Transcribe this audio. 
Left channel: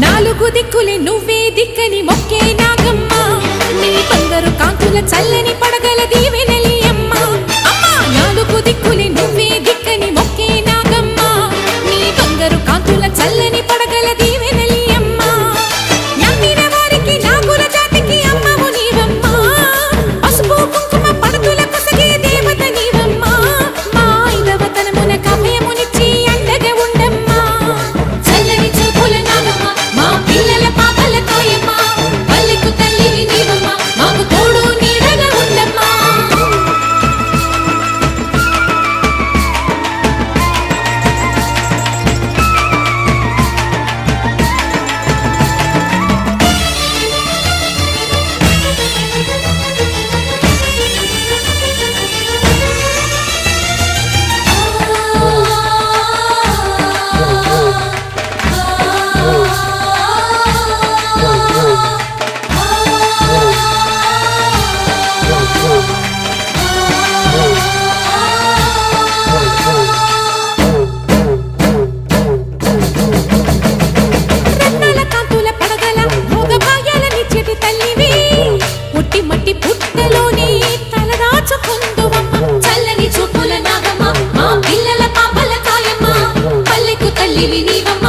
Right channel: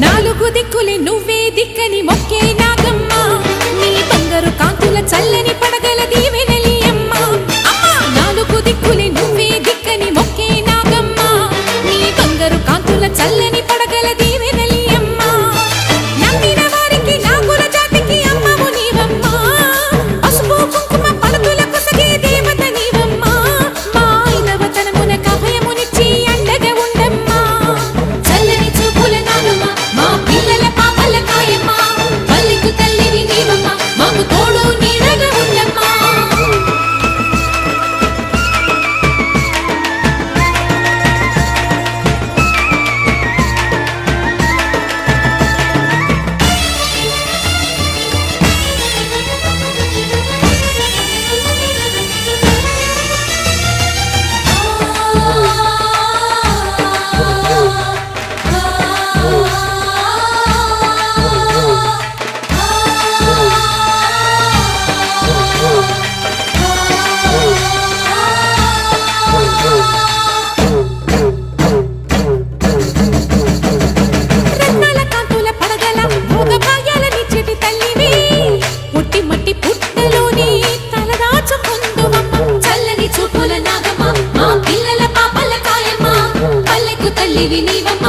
నాలుగు దిక్కులే నువ్వే దిక్కని మొక్కే నాగమ్మ నీ బంగారు కాంతుల చల్లని పడగల దీవెనలి అమ్మ అమ్మా నాలుగు దిక్కులే నువ్వే దిక్కని మొక్కే నాగమ్మ నీ బంగారు కాంతుల చల్లని పడగల దీవెనలి అమ్మ నమ్మిన వారికి నాగుల జాతికి అమ్మవు నీవమ్మ పసుపు కుంకుమ పడతుల కొసగే దేవత నీవమ్మ మా ఐదవతనమున కభయమునిచ్చి అండగా ఉండమ్మా చల్లని చూపుల నాగమ్మ మా పిల్లల పాపల కాయమ్మ పల్లెకు తల్లివి నీవమ్మ మాకు తోడు నీడగా ఉండమ్మా పుట్టి మట్టి పుట్టలోనే తలదాచుకుందువమ్మ చల్లని చూపుల నాగమ్మ మా పిల్లల పాపల కాయమ్మ పల్లెకు తల్లివి నీవమ్మ